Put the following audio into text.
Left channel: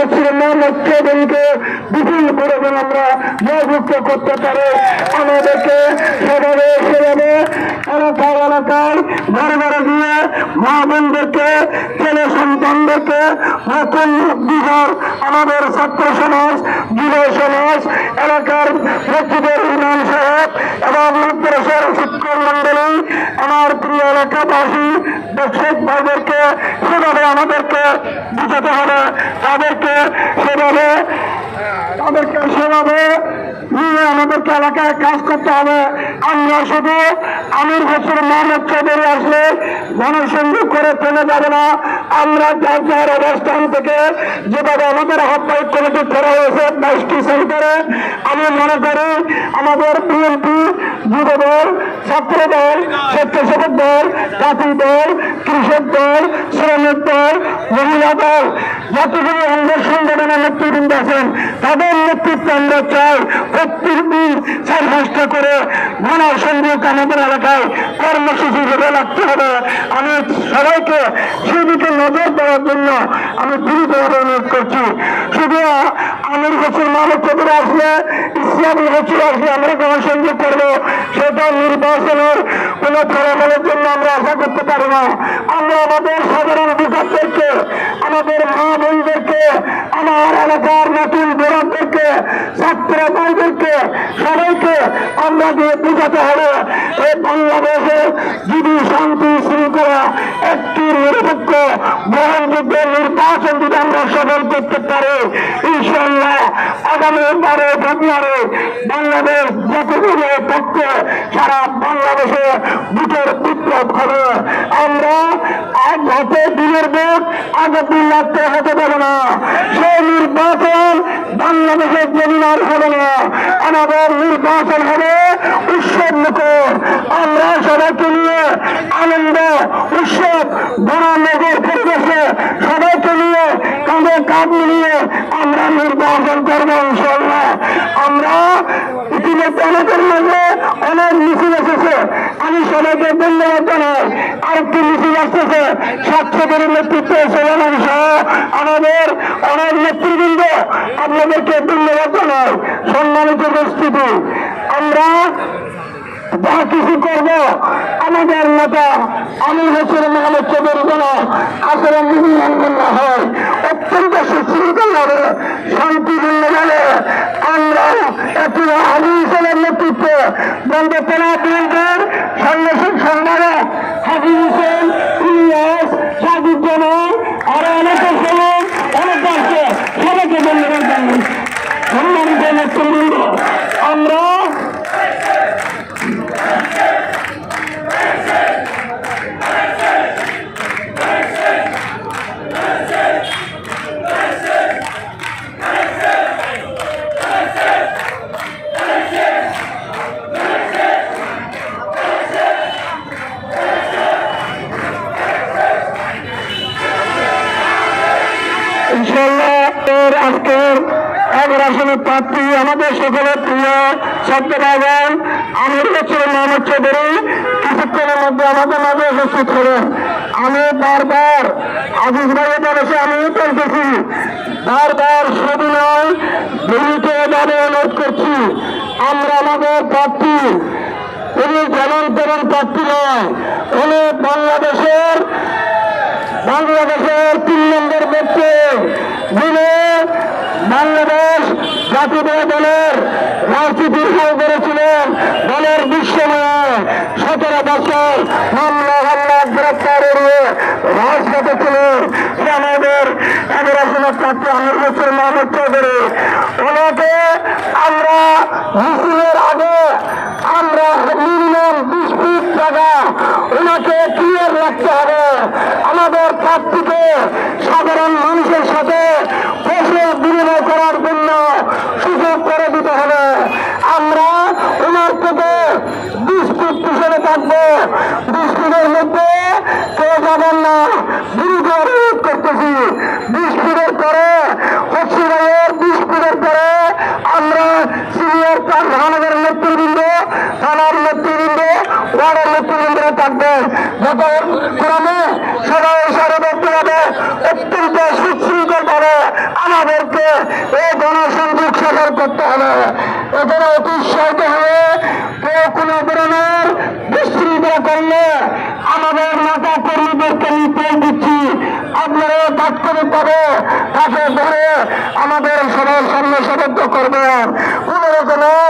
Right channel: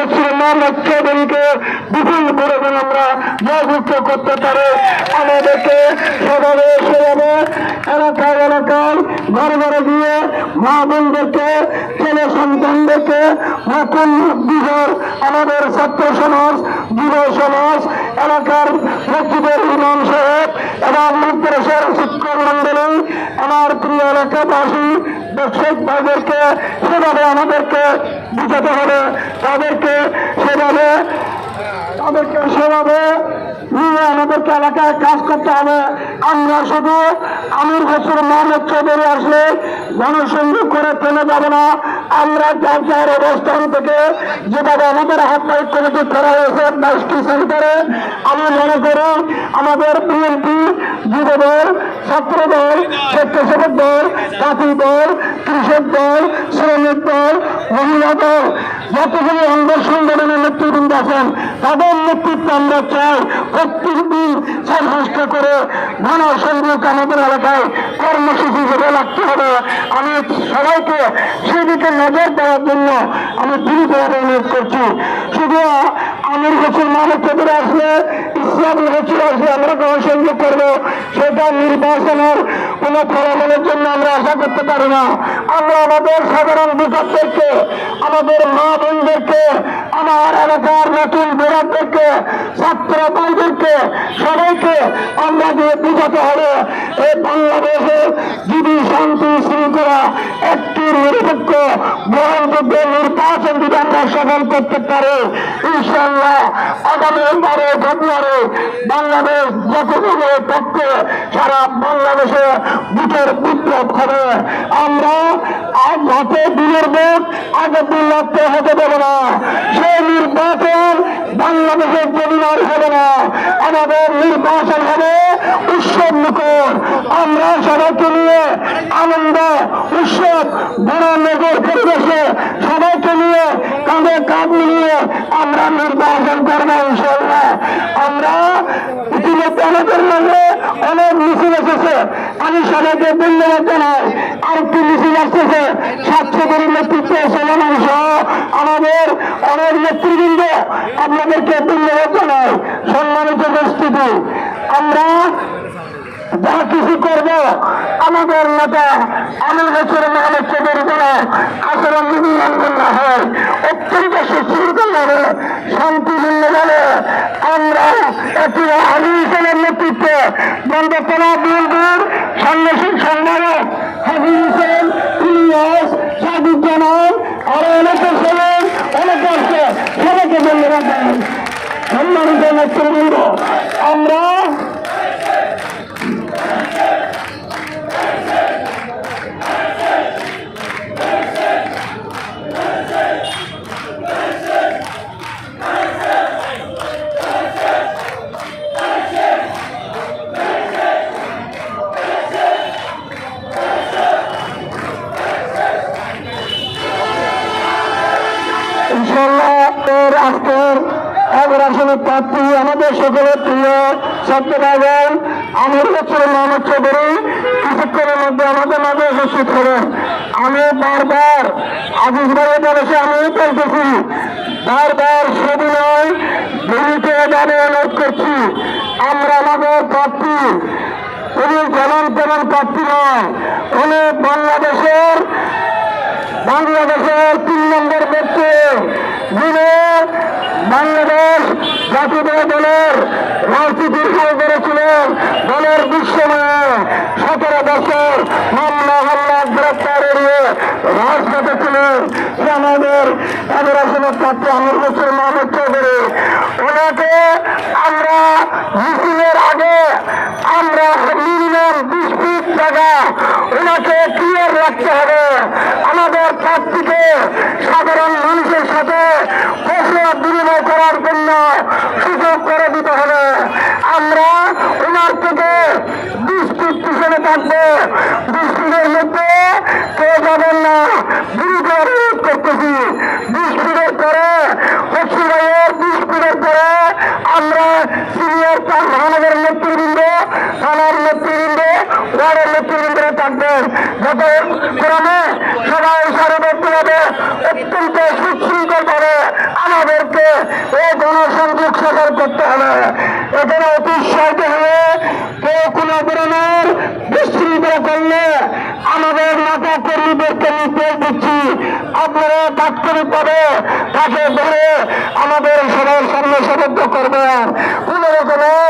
হচ্ছে মোহাম্মদ চৌধুরীকে বিপুল করে যেন আমরা জয়যুক্ত করতে পারি। আমাদেরকে সেভাবে এলাকার ঘরে ঘরে দিয়ে মা বোনদেরকে ছেলে সন্তানদেরকে নতুন বিঘর আমাদের ছাত্র সমাজ যুব সমাজ এলাকার মসজিদের ইমাম সাহেব এবং মাদ্রাসার শিক্ষক মন্ডলী আমার প্রিয় এলাকাবাসী দর্শক ভাইদেরকে সেভাবে আমাদেরকে বুঝাতে হবে, তাদেরকে সেভাবে নিয়ে আমাদেরকে এলাকায় কাজ করতে হবে। আমরা শুধু আমির হোসেন মোহাম্মদ চৌধুরী আসলে জনসংযোগ করে চলে যাব না। আমরা যার যার অবস্থান থেকে যেভাবে আমাদের আহ্বায়ক কমিটি করা হয়েছে 22টি সেন্টারে, আমি মনে করি আমাদের বিএনপি যুবদল, ছাত্রদল, স্বেচ্ছাসেবক দল, জাতীয় দল, কৃষক দল, শ্রমিক দল, মহিলা দল, যতগুলো অঙ্গ সংগঠনের নেতৃবৃন্দ আছেন তাদের নেতৃত্ব আমরা চাই প্রত্যেক দিন 4 মাসটা করে গণসংযোগ আমাদের এলাকায় কর্মসূচি হিসেবে রাখতে হবে। আমি সবাইকে সেদিকে নজর দেওয়ার জন্য আমি দৃঢ়ভাবে অনুরোধ করছি। শুধু আমির হোসেন মোহাম্মদ চৌধুরী আসলে ইসলামী হোসেন আসলে আমরা গণসংযোগ করবো, সেটা নির্বাচনের কোন ফলাফলের জন্য আমরা আশা করতে পারি না। আমরা আমাদের সাধারণ ভোটারদেরকে, আমাদের মা বোনদেরকে, আমার এলাকার নতুন বোরাকদেরকে, ছাত্র ভাইদেরকে সবাইকে আমরা দিয়ে বুঝাতে হবে এই বাংলাদেশে যদি শান্তি শৃঙ্খলা একটি নিরপেক্ষ গ্রহণযোগ্য নির্বাচন যদি আমরা সফল করতে পারি, ইনশাআল্লাহ আগামী 12 ফেব্রুয়ারি বাংলাদেশ জাতীয়তাবাদের পক্ষে সারা বাংলাদেশে ভোটের বিপ্লব হবে। আমরা আজ হাতে দিনের ভোট আগের দিন লাগতে হতে পারে না। সেই নির্বাচন বাংলাদেশের জমিনার হবে না, আমাদের নির্বাচন হবে উৎসব মুখর। আমরা সবাইকে নিয়ে আনন্দ উৎসব বনানগর পরিবেশে সবাইকে নিয়ে তাদের কাজ মিলিয়ে আমরা নির্বাচন করবো ইনশাআল্লাহ। আমরা ইতিমধ্যে আমাদের মধ্যে অনেক মিছিল এসেছে, আমি সবাইকে ধন্যবাদ জানাই। আরেকটি মিছিল আসতেছে ছাত্রদের নেতৃত্বে সেনাবাহিনী সহ আমাদের অনেক নেতৃবৃন্দ, আপনাদেরকে ধন্যবাদ জানাই। সম্মানিত উপস্থিতি, আমরা যা কিছু করব আমাদের নেতা আমির হোসেন মোহাম্মদ চৌধুরী যেন আচরণ নিবন্ধন হয়, অত্যন্ত সুশৃঙ্খল ভাবে শান্তিপূর্ণ ভাবে আমরা একটি আমির হোসেনের নেতৃত্বে বন্দনা বিএনপির সাংগঠনিক সম্মানে হাজির হোসেন, ইলিয়াস, সাদুজ্জামান আরো অনেকের সঙ্গে অনেক আছে, সবাইকে ধন্যবাদ জানাই। সম্মানিত নেতৃবৃন্দ, আমরা আজকের আসনের প্রার্থী আমাদের সকলের প্রিয় সত্যবাদন আমির হোসেন মোহাম্মদ চৌধুরী কিছুক্ষণের মধ্যে আমাদের মাঝে উপস্থিত হলেন। আমি বারবার আজিজ ভাইয়ের বলেছে, আমি বলতেছি বারবার শুধু নয় দলীয়ভাবে অনুরোধ করছি, আমরা আমাদের প্রার্থী উনি যেমন তেমন প্রার্থী নয়, উনি বাংলাদেশের 3 নম্বর ব্যক্তি, যিনি বাংলাদেশ জাতীয় দলের রাজনীতির কাজ করেছিলেন। দলের বিশ্বময় 17 বছর মামলা হামলা গ্রেপ্তার এড়িয়ে রাজপথে ছিলেন আমাদের আসনের প্রার্থী আমির হোসেন মোহাম্মদ চৌধুরী। ওনাকে আমরা মিছিলের আগে আমরা মিনিমাম 20 ফিট জায়গা ওনাকে ক্লিয়ার রাখতে হবে। আমাদের প্রার্থীকে সাধারণ মানুষের সাথে বিনিময় করার জন্য সুযোগ করে দিতে হবে। আমরা ওনার থেকে 20 ফিট পিছনে থাকবো, 20 ফিটের মধ্যে কেউ যাবেন না, বিরোধ করতেছি। 20 ফিটের পরে হচ্ছে 20 ফিটের পরে আমরা সিনিয়র 4 মহানগরের নেতৃবৃন্দ, থানার নেতৃবৃন্দ, ওয়ার্ডের নেতৃবৃন্দরা থাকবেন। যাতে ক্রমে সবাই সারে দেখতে হবে অত্যন্ত সুশৃঙ্খল ভাবে আমাদেরকে এই গণসংযোগ সফল করতে হবে। এখানে উৎসাহিত হয়ে কেউ কোনো ধরনের বিশৃঙ্খলা করলে আমাদের নেতা কর্মীদেরকে নির্দেশ দিচ্ছি, আপনারা তাৎক্ষণিকভাবে তাকে ধরে আমাদের সবাই সর্বসবদ্ধ করবেন। কোনো রকমের